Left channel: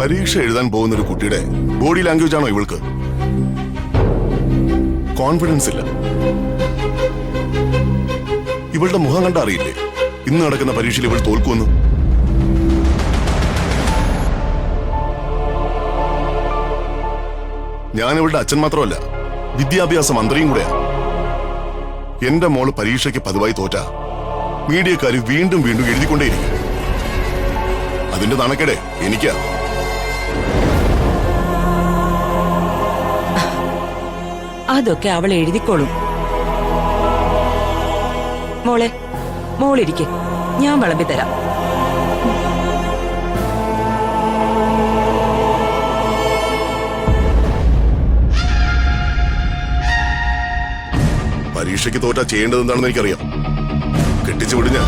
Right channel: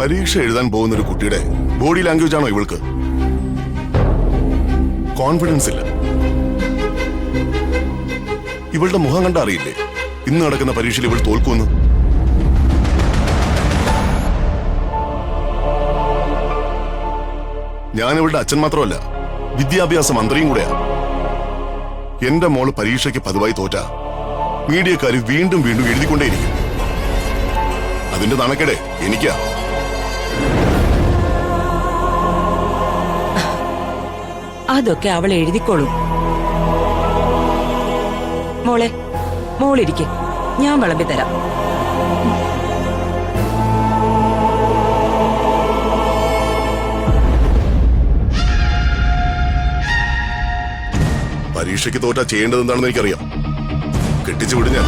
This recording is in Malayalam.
പരീക്ഷ എഴുതാൻ പോകുന്ന ഒരു കുട്ടിയുടെ ബോഡി ലാംഗ്വേജ് ആണോ ഇവൾക്ക്? കോൺഫിഡൻസ് ഇല്ല. ഇവളുടെ മുഖം കണ്ട അറിയില്ലേ ഇന്ന് നടക്കുന്ന പരീക്ഷയിൽ ഇവൾ തോൽക്കുമെന്ന്? ഞാൻ ഇവളുടെ അച്ഛൻ മാത്രമല്ല, വിദ്യാഭ്യാസ മന്ത്രിയും കൂടെയാ. എന്റെ മോള് പരീക്ഷയ്ക്ക് പതിവായി തോറ്റ മീഡിയക്കാര് വീണ്ടും വീണ്ടും എഴുതിക്കൊണ്ടേയിരിക്കും. അതിന്റെ നാണക്കേടെ എനിക്കാ. അതൊക്കെ അവൾ എഴുതിക്കോളും. മോളിരിക്കെ, ഞാൻ വിളമ്പി തരാം. പരീക്ഷയ്ക്ക് തോറ്റാ ചെയ്യേണ്ടത് എന്താണെന്ന് എനിക്കറിയാം. കെട്ടിച്ചു വിടും ഞാൻ.